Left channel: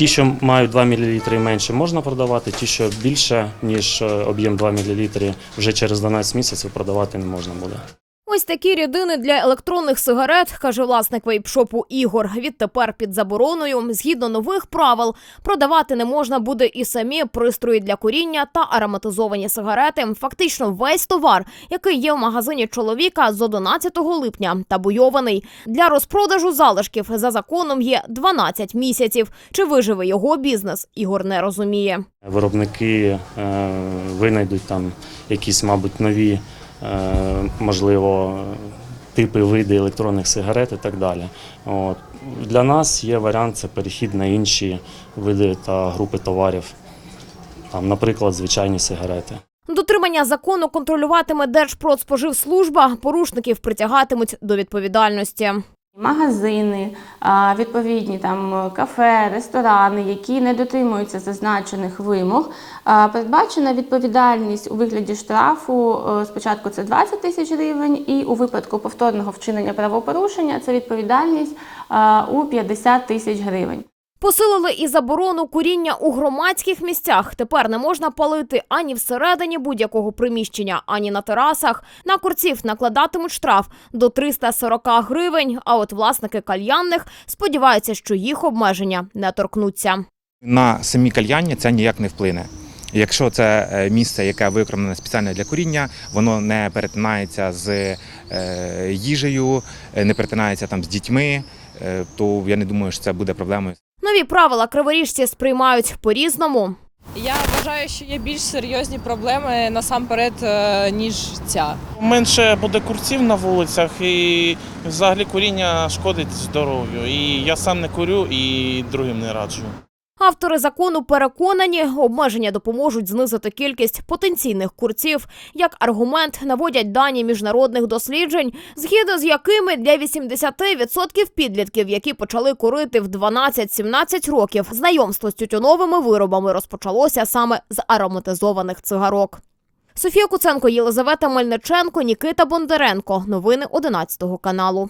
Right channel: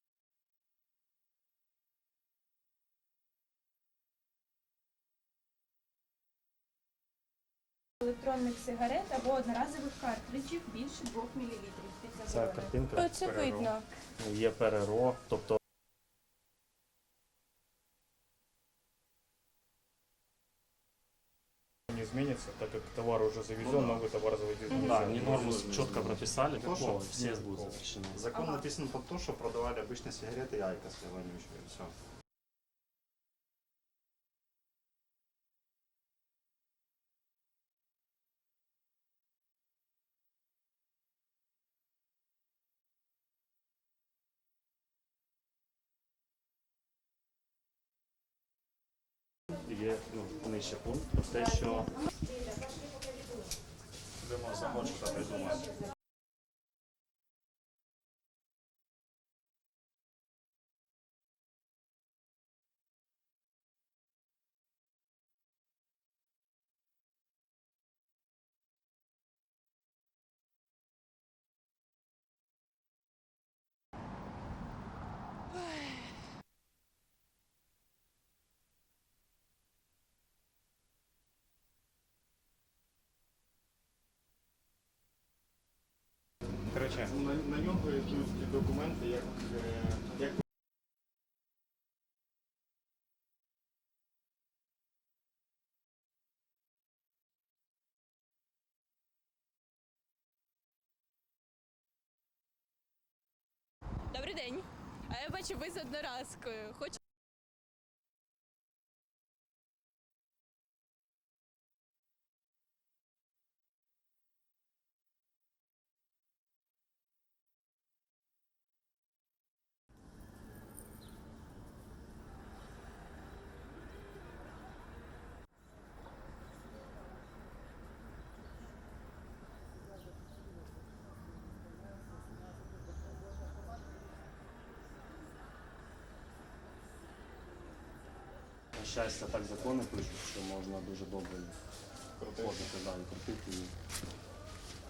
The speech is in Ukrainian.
Ті, що мають 2 мл менше, можна продавати. Ті, що більше, ніж е, об'єм 2 мл, вже через 12 місяців продавати не можна буде. Ось такі рідини для електронних сигарет, каже власник вейпшопу Ігор. Відтепер під забороною, згідно нових правил, продавати не можна буде і самі пристрої для куріння та ароматизовані сигарети. Фактично весь товар, який є в магазині чоловіка з 11 липня, табуйований. Для розпродажу залишків за законом є 12 місяців. Чи виживе його бізнес, Ігор не розуміє. Виробники е, винайдуть там якісь, мабуть, нові, можливо, типи види електронних сигарет і так далі. От. Для нас є варіант це перехід на інші види та групи товарів, там, наприклад, звичайні сигарети. Дотримання закону контролюватиме Держпродспоживслужба. Порушників притягатимуть до відповідальності. Магазини, відповідні там кафе, ресторани, які не дотримуються зазначених вимог, передбачена відповідальність у вигляді штрафу. е, Спочатку це 20 тисяч гривень, і у випадку повторного вчинення правопорушення це відповідальність у 50 тисяч гривень. Посилили і заборону куріння у громадських місцях. Тепер не можна палити ані всередині будь-якого приміщення, ані на терасах. На курців накладатимуть штраф до 340 гривень. А от власники кальянних сподіваються, що їх обмеження не торкнуться. На самі кальяння це ніяк не вплине. Якщо це е, місце, яке виконане спеціально для куріння, воно не перетинається з е, їжею, е, не перетинається там з дітьми, то я не думаю, що це буде проблемою. Нові правила криворіжці сприймають по-різному. Я вважаю, що є більш серйозні проблеми насамперед, е, ніж ця. Менше буде курців на вулицях і взагалі куріння шкодить здоров'ю. І я сам не курю і другим не раджу. Автори закону переконані, обмеження допоможуть знизити кількість потенційних курців. Як аргумент наводять дані міжнародних досліджень, згідно з якими для 80% підлітків, які почали курити в 12-17 років, знайомство з тютюновими виробами розпочалося саме з ароматизованих цигарок. Софія Куценко, Єлизавета Мельниченко, Нікита Бондаренко. Новини 11 каналу.